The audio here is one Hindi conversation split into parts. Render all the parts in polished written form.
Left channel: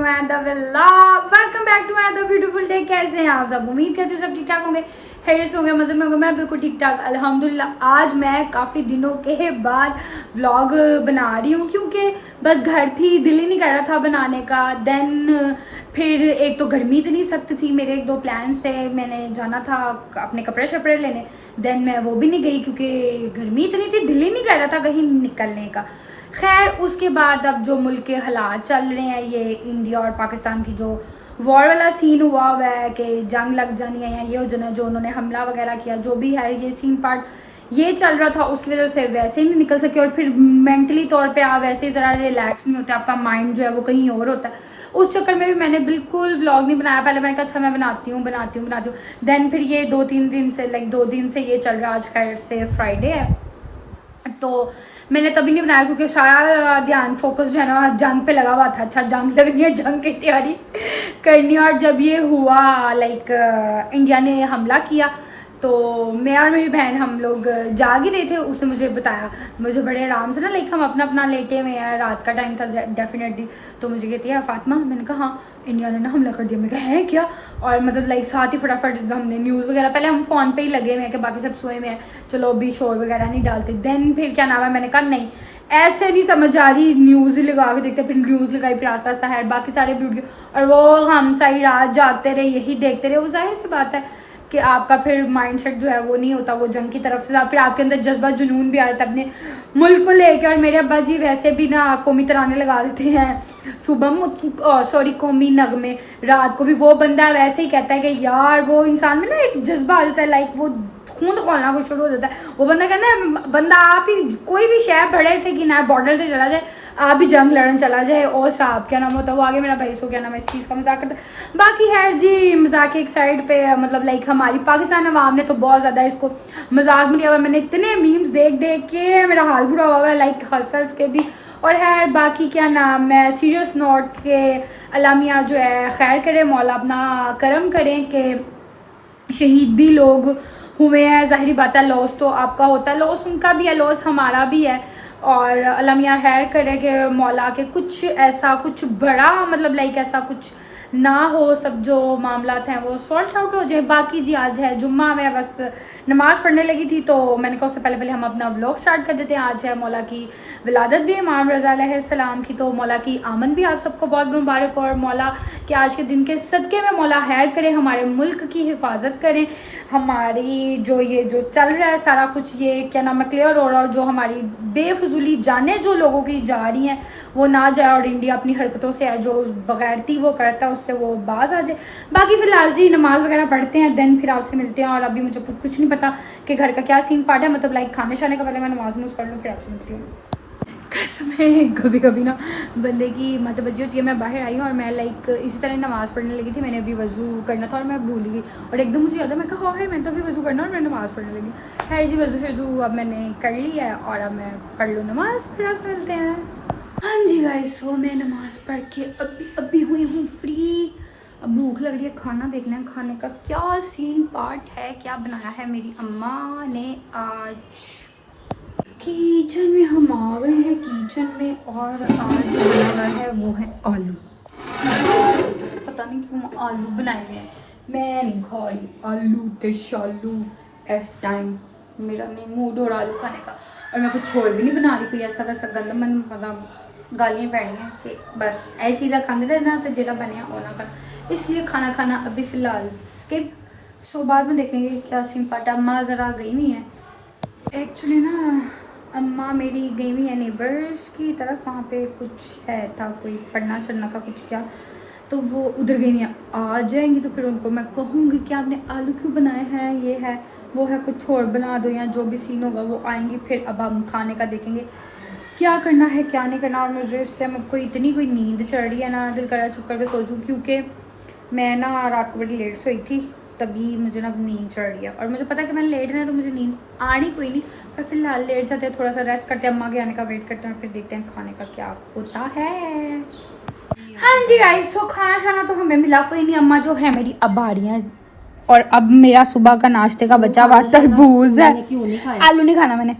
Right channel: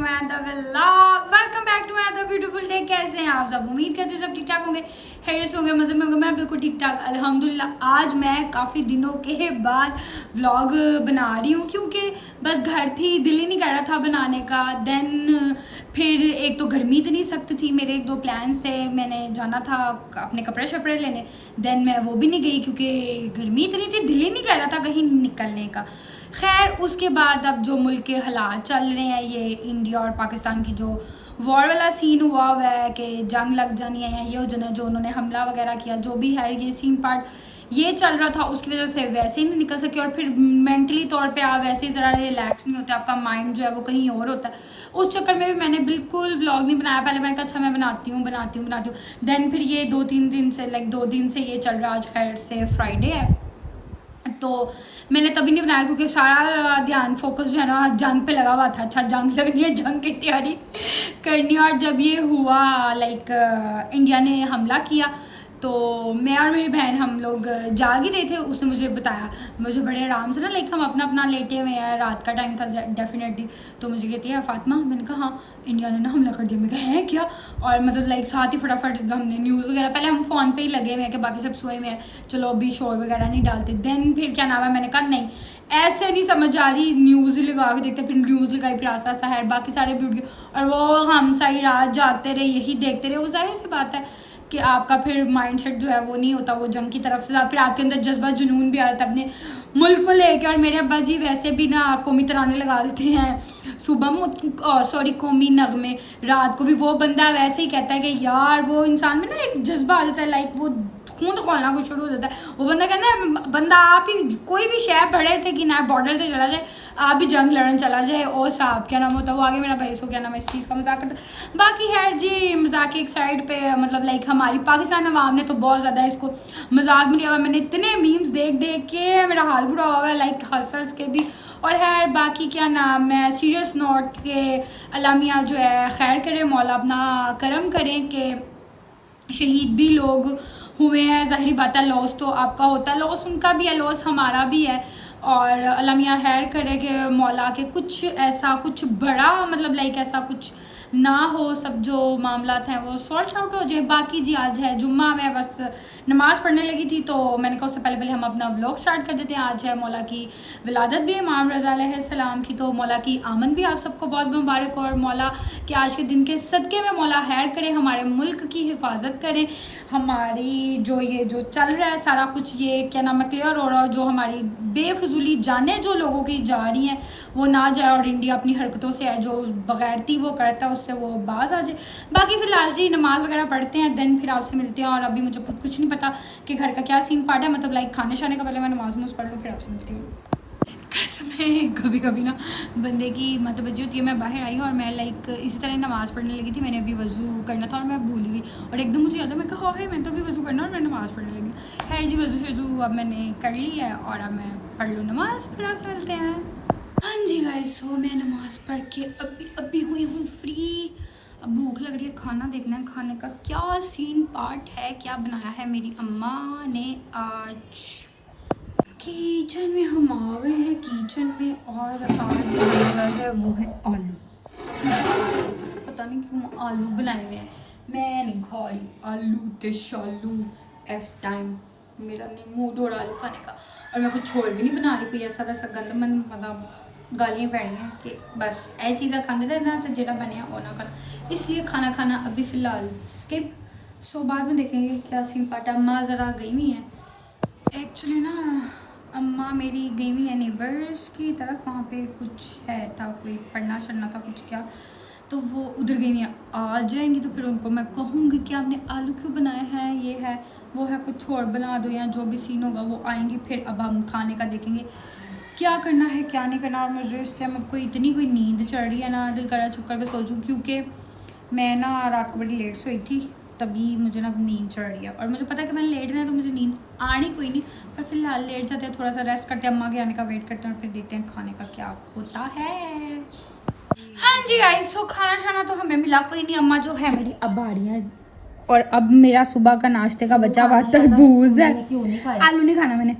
To another vlog. Welcome back to another beautiful day. कैसे हैं आप सब? उम्मीद करती हूँ सब ठीक ठाक होंगे, खैरियत होंगे, मज़े में होंगे। मैं बिल्कुल ठीक ठाक अल्हम्दुलिल्लाह। आज मैं काफ़ी दिनों के बाद व्लॉग बना रही हूँ क्योंकि बस घर थी, दिल ही नहीं कर रहा था बनाने का। देन फिर एक तो गर्मी इतनी सख्त थी, मेरे एक दो प्लान्स थे, मैंने जाना था अपने कपड़े शपड़े लेने। देन मैं वो भी नहीं गई क्योंकि गर्मी इतनी थी, दिल ही नहीं कर रहा था कहीं निकलने का। खैर उसके बाद अब जो मुल्क के हालात चल रहे हैं, ये इंडिया और पाकिस्तान की जो वॉर वाला सीन हुआ हुआ है कि जंग लग जानी है या ये हो जाना, जो उन्होंने हमला वगैरह किया, जो भी है ये सीन पार्ट ये चल रहा था, उसकी वजह से वैसे ही नहीं निकल सके। और फिर मेंटली तौर पे आप वैसे ही ज़रा रिलैक्स नहीं होते, आपका माइंड जो है वो कहीं और होता है। उस चक्कर में भी मैंने बिल्कुल व्लॉग नहीं बनाया। पहले मैंने कहा अच्छा मैं बनाती हूँ। देन फिर ये 2-3 दिन से दो दिन से ये चल रहा है। आज खैर से फ्राइडे है तो मैंने तभी नहीं बनाया क्योंकि सारा ध्यान फोकस जो है ना जंग पे लगा हुआ था। अच्छा जंग लगनी है, जंग की तैयारी करनी है। और जब ये हुआ इंडिया ने हमला किया तो मैं और मेरी बहन हम लोग जाग ही रहे थे। उसने मुझे बताया, मुझे बड़े आराम से ना हम अपना लेटे हुए हैं, रात का टाइम था डेफिनेटली। तो मुझे कहती है फातिमा, मैंने कहा हाँ इंडिया ने ना हमला कर दिया। मैं कहा है क्या? और साथ ही फटाफट हमने न्यूज़ वगैरह, पहले हम फ़ोन पे ही लगे हुए हैं कि बाकी सब सोए हुए हैं, चलो अभी शोर वगैरह नहीं डालते। देन फिर क्या नाम है, मैंने कहा नहीं ऐसे नहीं समझ आ रही, न्यूज़ ही लगा के देखते। फिर न्यूज़ लगाई, फिर आस्ता आस्ता है बाकी सारे वीडियो, और वो हम सारी रात जागते रहे, यही देखते रहे। वो जाहिर सी बात है कि आपका फिर माइंडसेट जो है वो नहीं होता वो जंग की तरफ से, फिर आपके अंदर जज्बा जुनून भी आ जाता है अपने मुल्क को लेकर। और मेरे अब्बा जी वैसे भी ना कौमी तराने लगा देते हैं सुबह कौमी नगमे, रात को भी। वो बंदा वैसे ही कहता है कि यार वो इंसान में ना एक जज्बा आ जाता है, वो खून खोलना को शुरू हो जाता है। वो बंदा कहता है बंदा आप ही कोई भी शहर पड़े थे कि ना बॉर्डर से चला जाए, आप भी जंग लड़ने चला जाए। और साहब क्या नाम होता है वो आगे मेरा भाई, सो क्या नाम है, इस चीज़ का मजाक करता है। बाकी है जी मजाक एक साइड पे, हमारी पाकिस्तान अवाम ने तो बहुत ज़्यादा इसको मजाक में लिया हुआ। मैंने इतने मीम्स देख के मेरा हाल बुरा हुआ है, हंस के भी। और है बाकी क्या नाम है, सीरियस नोट के अलामिया जो है खैर करे, मौला अपना करम करें कि शहीद भी लोग हुए हैं। ज़ाहिरी बात है लॉस तो आपका होता है, लॉस उनका भी है, लॉस हमारा भी है। और अल्लाह खैर करे कि मौला के कुछ ऐसा कुछ बड़ा ऐसा कुछ ना हो, सब जो मामलात हैं वो सॉल्ट आउट हो जाए। बाकी जी आज है जुम्मा, मैं बस नमाज़ पढ़ने लगी थी तो मैंने कहा उससे पहले हम अपना व्लॉग स्टार्ट कर देते हैं। आज है मौला की विलादत भी, इमाम रज़ा अलैहिस्सलाम की, तो मौला की आमद भी आप सबको बहुत मुबारक। और मौला के आज के दिन के सदक़े में मौला खैर करे, हमारे मुल्क की हिफाजत करें, हमारी जो चल रहा है सारा कुछ ये क्या नाम है क्लियर हो रहा, और जो हमारी बेफजूली जानें जो लोगों की जा रही हैं वो ना जाए, और इंडिया अपनी हरकतों से है जो बगैरती वो करता है उससे वो बाज आ जाए। बाकी फ़िलहाल जी नमाज़ वगैरह पढ़ते हैं, देन फिर आपसे मिलते हैं। और अभी मुझे कुछ नहीं पता कि घर का क्या सीन पार्ट है, खाने शाने का पहले मैं नमाज़ पढ़ लूँ फिर आपसे मिलती हूँ। कसम है कभी ना बंदे की बजी होती है। मैं बाहर आई हूँ और मैं इसी तरह नमाज़ पढ़ने लगी थी, मैंने अभी वज़ू करना था और मैं भूल गई, और एकदम मुझे याद है, मैं कहा है मैं तो अभी वज़ू करना और मैं नमाज़ पढ़ने लगी। है जी वज़ू अब मैंने कर ली है और अब मैं पढ़ लूँ नमाज़, फिर आप चलते हैं। हाँ जी गाइस, सो मैं नमाज़ पढ़ के अभी हुई हूँ फ्री। अब भूख लग रही है, खाना देखना है, खाने का क्या सीन पार्ट है, क्या बनाया है मेरी अम्मा ने आज। किचन में हम आ गए हैं, किचन में, और आज बना रहा है वो है आलू। पता नहीं क्यों आलू बनाए हैं, मैं नहीं खा रही आलू ते शालू इस टाइम, मेरा नहीं मूड हो रहा आलू खाने का। और मैं कुछ छोड़ भी नहीं बना रही, कोई ऐसा वैसा गंद मन गालियाँ पैनी हैं कि बस ऐसी चीज़ें खाते रहना तो जेड़ा बने वो ना खाना, इसलिए खाना खाना अभी फ़िलहाल स्किप। सो बाद में देखेंगे क्या सीन पाटा। अम्मा ज़रा गई हुई हैं एक्चुअली ना, अम्मा मेरी गई हुई है नेबर्स की तरफ, वहाँ पे कुछ था, कोई पढ़ना चढ़ना था कुछ क्या, तो वो उधर गई हुई हैं। आ जाएंगी तो फिर उनको मैं कहूँगी कि आपने आलू क्यों बनाए हैं, ये है वो है, कुछ और बना दो या जो भी सीन होगा वो आएंगी। फिर अब हम खाने का देखेंगे क्या करना है क्या नहीं करना। और मुझे इस टाइम अब कोई नींद चढ़ रही है ना, दिल करा चुप करके सो जाऊँ, क्योंकि मैं ना रात को बड़ी लेट सोई थी, तभी मुझे ना नींद चढ़ रही है। और मुझे पता है कि मैंने लेट है तो मुझे नींद आनी कोई नहीं, पर फिलहाल लेट जाते हैं, थोड़ा सा रेस्ट करते हैं, अम्मा के आने का वेट करते हैं, और फिर देखते हैं खाने का क्या होता है। हाँ जी गाइस, सो खाना शाना तो हमें मिला कोई नहीं, अम्मा जो है मेरी अब आ रही हैं। और अब मेरा सुबह का नाश्ते का बचा हुआ तरबूज है, आलू नहीं खाना मैंने,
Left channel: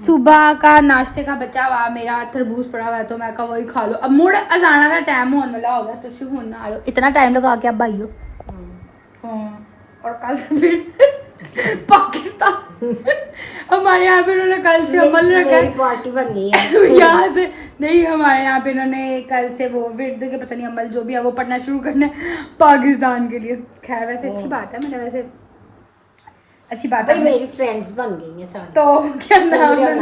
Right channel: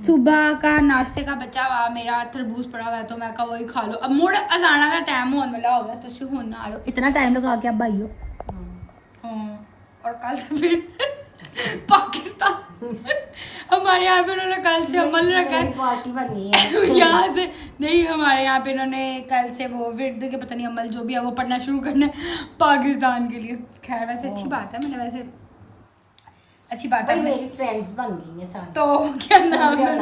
सुबह का नाश्ते का बचा हुआ मेरा तरबूज पड़ा हुआ है तो मैं कहा वही खा लो। अब मुड़ अजाना का टाइम होने वाला होगा तो तुम होना आ रहे हो, इतना टाइम लगा के अब भाई हो। हाँ, और कल से फिर पाकिस्तान हमारे यहाँ पे उन्होंने कल से अमल रखा है, पार्टी बन गई है यहाँ से नहीं, हमारे यहाँ पे इन्होंने कल से वो विर्द के पता नहीं अमल जो भी है वो पढ़ना शुरू करना है पाकिस्तान के लिए। खैर वैसे अच्छी बात है, मैंने वैसे अच्छी बात है। मेरी फ्रेंड्स बन गई हैं सारी। तो क्या नाम है,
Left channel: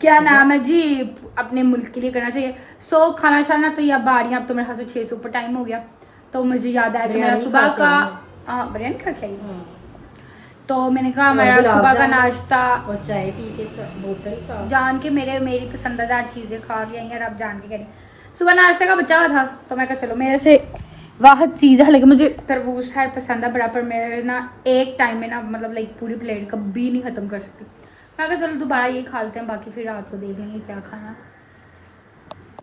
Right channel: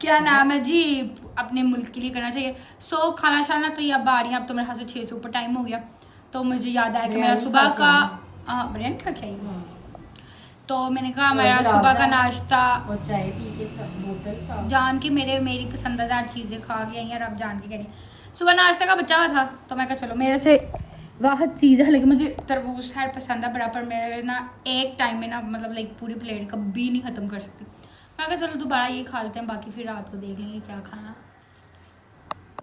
क्या नाम है जी, अपने मुल्क के लिए करना चाहिए। सो खाना शाना तो ये अब आ रही है, अब तो मेरे ख्याल से 6 से ऊपर टाइम हो गया। तो मुझे याद आया कि मेरा सुबह का बिरयानी खा के आई, तो मैंने कहा मेरा सुबह का नाश्ता और चाय पी के बोतल जान के मेरी पसंदीदा चीज़ें खा के आई हैं। और अब जान के कह रही सुबह नाश्ते का बचा था तो मैं कहा चलो मेरे से वाह चीज़ है, लेकिन मुझे तरबूज खैर पसंद है बड़ा, पर मेरे ना एक टाइम में ना मतलब लाइक पूरी प्लेट कभी नहीं ख़त्म कर सकती। मैं कहा चलो दोबारा यही खा लेते हैं, बाकी फिर रात को देख लेंगे क्या खाना।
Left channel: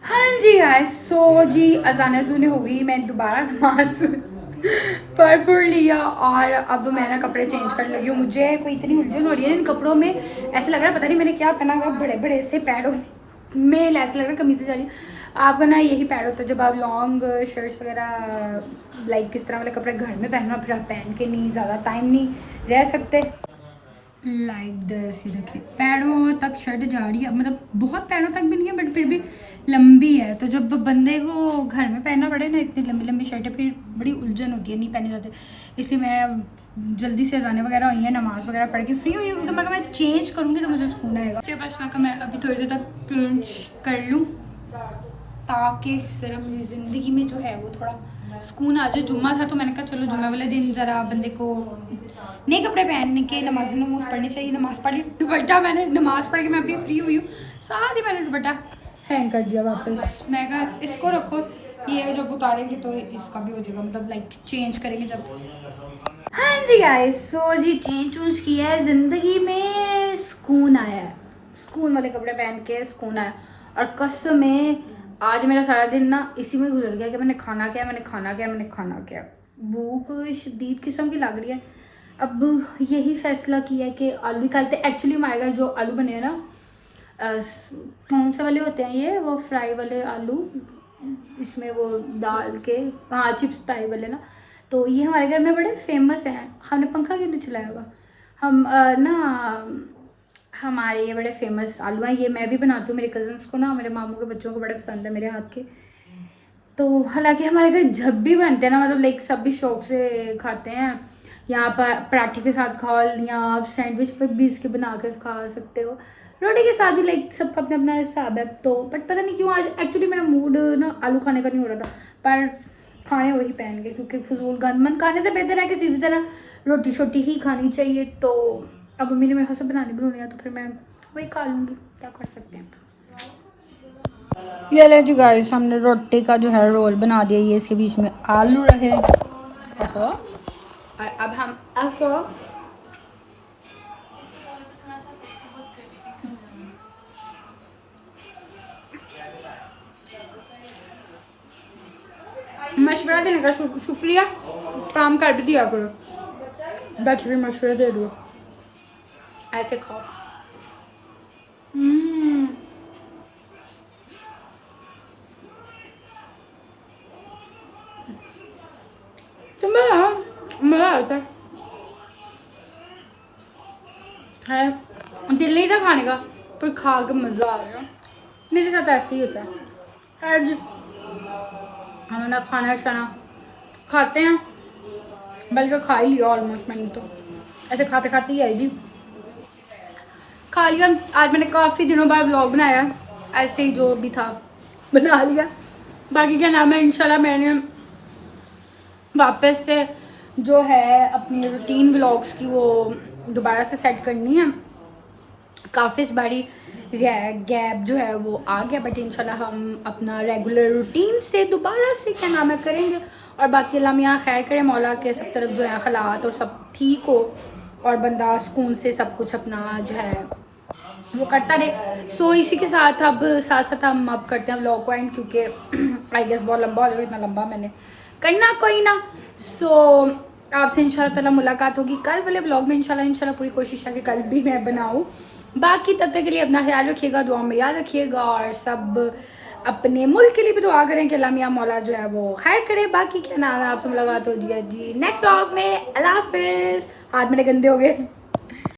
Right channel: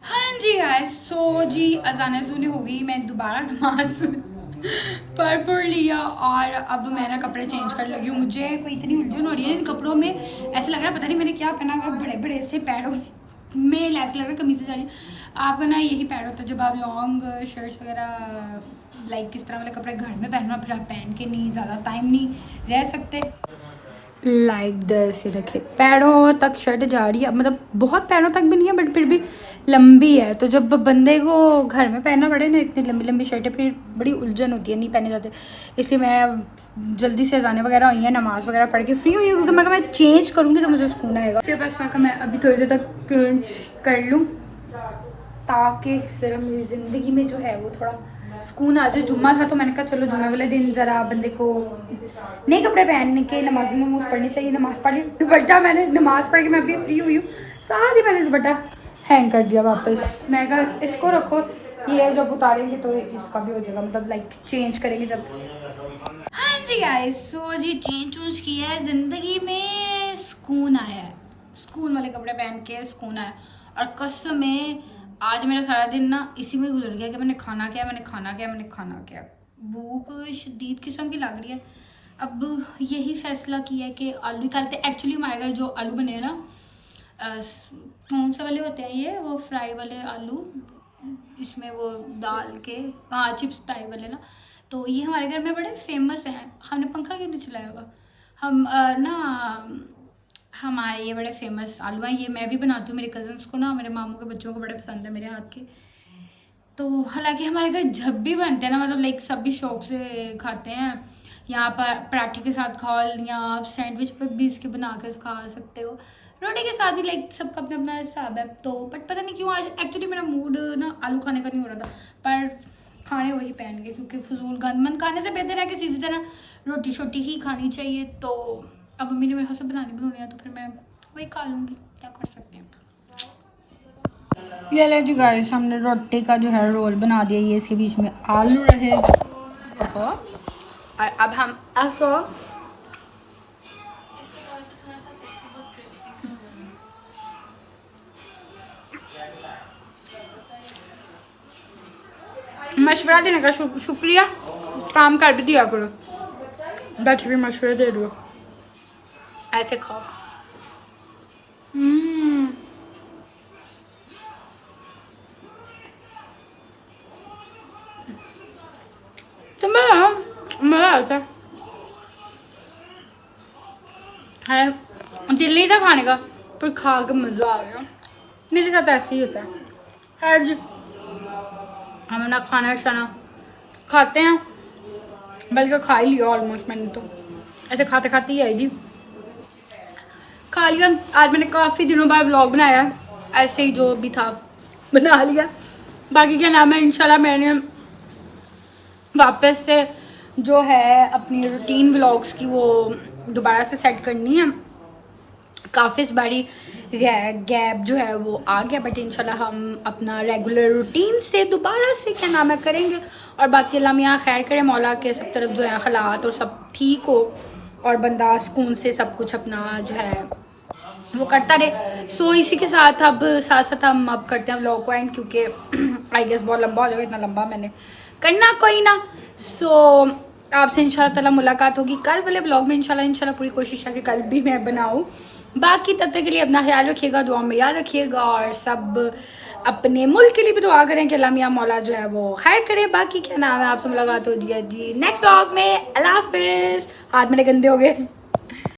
हाँ जी गाइस, सो जी अजान सुने हो गई, मैं दोबारा नमाज पढ़ लिया और अब मैं ना कपड़े चेंज करने लगी हूँ। मुझे कोई इतनी उलझन हो रही है इन कपड़ों में, ऐसा लग रहा है पता नहीं मैंने क्या पहना हुआ, बड़े बड़े से पैरों में ऐसा लग रहा है कमीज़ें जा रही है। आपका ना यही पैर होता है जब आप लॉन्ग शर्ट्स वगैरह लाइक किस तरह वाले कपड़े घर में पहनना, फिर आप पहन के नहीं ज़्यादा टाइम नहीं रह सकते। लाइक दस रखे पैरों तक शर्ट जा रही है, मतलब बहुत पैरों तक भी नहीं है बट फिर भी लंबी है। तो जब बंदे को घर में पहनना पड़े ना इतनी लंबी लंबी शर्टें, फिर बड़ी उलझन होती है, नहीं पहने जाते। इसलिए मैं जल्दी से अजाने वगैरह हुई है, नमाज़ वगैरह पढ़ के फ्री हुई हूँ, क्योंकि मैं चेंज करूँगी तो मुझे सुकून आएगा। फिर बस मैं अभी थोड़ी देर तक चेंज कर लूँ ताकि ज़रा मेरी ज़िंदगी में जो है वो थोड़ा सुकून आ जाए। जुम्मा था तो मैंने कहा चलो जुम्मे वाले दिन ज़रा बंदे को नए कपड़े पहन के नमाज पढ़नी चाहिए। नमाज़ पढ़ ली, दुपट्टा मैंने नमाज़ पढ़ के मैं अभी फ्री हुई हूँ, साथ ही मैंने दुपट्टा हैंग कर दिया वापस। मैं कहा इसको रखो, ये जब उतारेंगे तो इसका भी हो जाएगा, मतलब लाइक चेंज करेंगे जब। हाँ जी गाइस, सो जी चेंज चूंज किया है, ज़िंदगी में सुकून आया है, सुकून वाले कपड़े पहन के सुकून आया। और कसम में आज मेरा सारा दिन ना इसी में गुजर गया कि मैंने खाना क्या, भूख शदीद किस्म की लग रही है। अब यही फैसला किया है कि आलू निकालते। एक्चुअली हमारे घर जो आलू बने हैं ना, कौन से वाले होते हैं ये, वो फ्राई वाले आलू, इसमें वो डाल के, हाँ चिप्स टाइप वाले ना, तो ये हमारे घर में बड़े फेमस हैं। हमने पंखा क्यों नहीं चलाया हुआ, हम ना हमारे ये बड़े फेमस आलू हैं। ये मैं भी बनाती हूँ, मेरे कज़न्स को ना, मेरे मामू के बच्चों को बड़े पसंद है मेरे हाथ के। तो हालांकि हमारे घर जब भी बनते हैं ना, मतलब लाइक सब भी शौक से खाते हैं। यहाँ पर पराठे के साथ खाओ, या आप सैंडविच पर भी इसके बना कर खा सकते हो, रोटी के साथ भी, लाइक सबका अपना अपना हिसाब है। तो बट पता नहीं क्यों आज एक्चुअली मेरा मूड ना आलू खाने का नहीं हो रहा था, पर खाने वही पहन गए, क्योंकि फजूल गंदमंद खाने से बेहतर है कि सीधी तरह रोटी शोटी ही खानी चाहिए। तो अब मम्मी ने मेरे हाथ से बनानी है तो फिर मैं वही खा लूँगी, क्या कर सकते हैं। ये ले जी गाइस, हमने रोटी का जो है रोल बना दिया, ये इसके बीच में आलू रहे। और अब हम मशवरा देने का शुक्रिया, काम कर भी दिया करो, बैठे भी मशवरा दे दो, ऐसे खाओ। तो मज़ा आता है, दिल नहीं था खाने का पर खा के मज़ा आ गया। मेरे साथ ऐसे ही होता है। आज हम ना खाना शाना खाते हैं, बल्कि खा ही लिया ऑलमोस्ट, मैंने तो ऐसे खाते खाते ही आई थी, खा लिया। आज मैंने काफ़ी दिनों बाद व्लॉग बनाया, ऐसे ही जो भी था बना लिया। बाकी क्या नाम है, इंशाल्लाह मैंने वापस से जो है अपनी रूटीन व्लॉग्स की वो दोबारा से सेट करनी है। काफ़ी इस बारी गैप जो है वो आ गया, बट इंशाल्लाह हम अपना रेगुलर रूटीन से दोबारा से क्या नाम है करेंगे। और बाकी अल्लाह मियाँ खैर करे, मौला के सब तरफ जो है हालात और सब ठीक हो और बंदा सुकून से सब कुछ अपना जो है वो करता रहे। सो इसी के साथ अब साथ हम अब करते हैं व्लॉग को एंड, क्योंकि आई गेस बहुत लंबा हो जाएगा, इतना लंबा मैंने करना कोई ना। सो आपसे इंशाल्लाह ताला मुलाकात होगी कल वाले ब्लॉग में। इंशाल्लाह पूरी कोशिश है कि कल भी मैं बनाऊँ, बाकी तब तक के लिए अपना ख्याल रखिएगा, दुआ में याद रखिएगा और सब अपने मुल्क के लिए भी दुआ करें कि अल्लाह मियां मौला जो है वो खैर करे। बाकी क्या नाम है, आपसे मुलाकात हो जी नेक्स्ट व्लॉग में। अल्लाह हाफिज़। हाथ मेरे गंदे हो गए।